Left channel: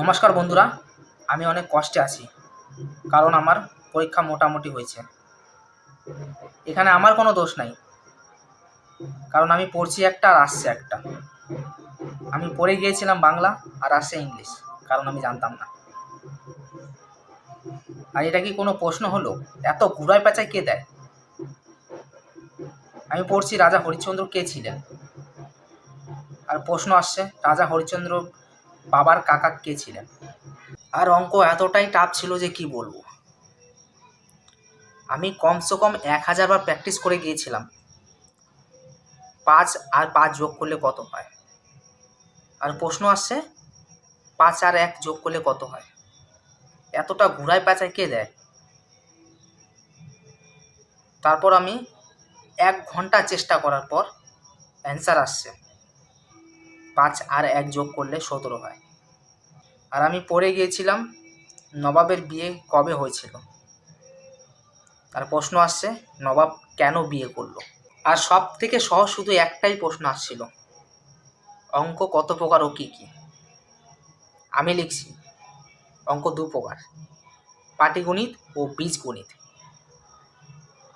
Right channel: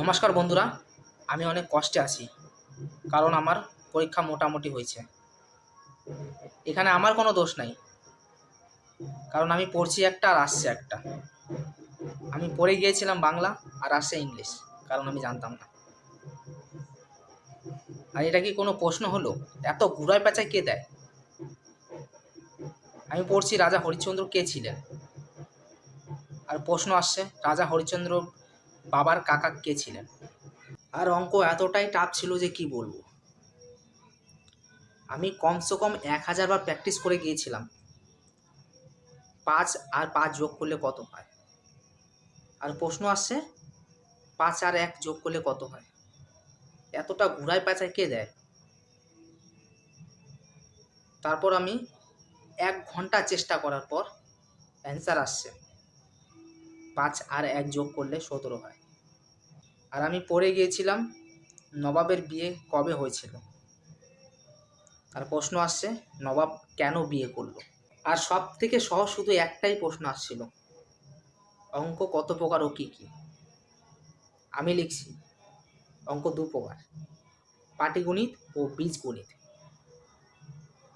নমস্কার বন্ধুরা, আমি অনেক কষ্টে আছি, কারণ আমার পরীক্ষা মোটামুটি হয়েছে। এখানে আমার কোনো দোষ নাই, কারণ আমি পড়ছি একটা আর আসছে একটা। আমি পড়ে গিয়েছিলাম বাংলা আর আসছে ইংলিশ, কারণ আমি জানতাম না। আর এটা কি কোনো প্রশ্ন হলো? এত ঘুরায় পেঁচায় কে দেয়? আমি পড়ছি রাজা হরিশ্চন্দ্র কে ছিলেন? আর প্রশ্ন আসছে, রাজা হরিশ্চন্দ্র বাবার কাকা কে ছিলেন? আর অঙ্ক এতটাই টাফ ছিল যে কি বলব? আমি কমসে কম এক হাজার বার প্র্যাকটিস করে গিয়েছিলাম। পাঁচ আর পাঁচ যোগ করলে কত হয়? আর প্রশ্ন আসছে, পাঁচ আর এক যোগ করলে কত হয়? এতটা ঘুরায় পেঁচায় কে দেয়? তারপর আমি এক ঘণ্টা চেষ্টা করার পর অ্যান্সার আসছে। পাঁচ আর এক যোগ করলে সতেরো হয়। আর আমি পড়ে গিয়েছিলাম নবাবের বিয়ে কবে হয়েছিল? আর প্রশ্ন আসছে, নবাব কেন বিয়ে করল? আর সব থেকে সহজ শুধু একটাই প্রশ্ন আসছিল, অঙ্ক কত প্রকার ও কী কী? আমি লিখছি, অঙ্ক দু প্রকার, পাটিগণিত ও বীজগণিত।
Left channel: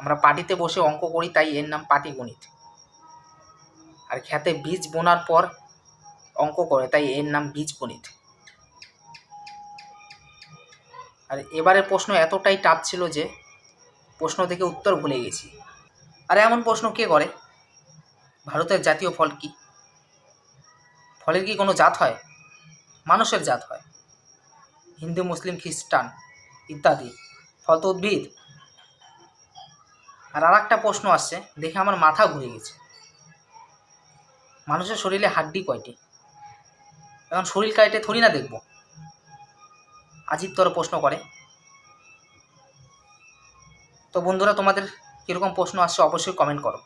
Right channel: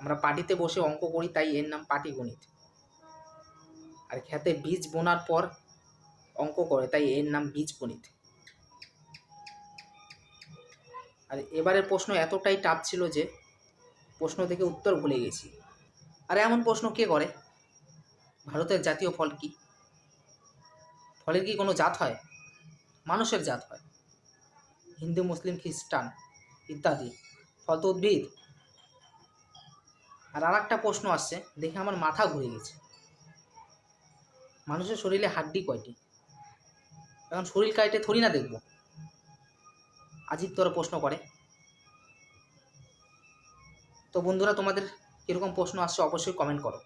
আমরা পাটিতে বসে অঙ্ক করি, তাই এর নাম পাটিগণিত। আর খেতে বীজ বোনার পর অঙ্ক করে, তাই এর নাম বীজগণিত আর এবারের প্রশ্ন এতটাই টাফ ছিল যে, প্রশ্ন থেকে উত্তর ভুলে গেছি। আর এমন প্রশ্ন কে করে? ভারতের জাতীয় ফল কি? ফলের কি কোনো জাত হয়? মানুষের জাত হয়। হিন্দু, মুসলিম, খ্রিস্টান ইত্যাদি। ফল তো উদ্ভিদ। আর আর একটা প্রশ্ন আসছে, দেখে আমার মাথা ঘুরে গেছে। মানুষের শরীরে হাড্ডি কয়টি? এখন শরীর কাটে থরি না দেখব। আজিবতর প্রশ্ন করে। তো বন্ধুরা, তোমাদের কীরকম প্রশ্ন আসছে অবশ্যই কমেন্ট করো।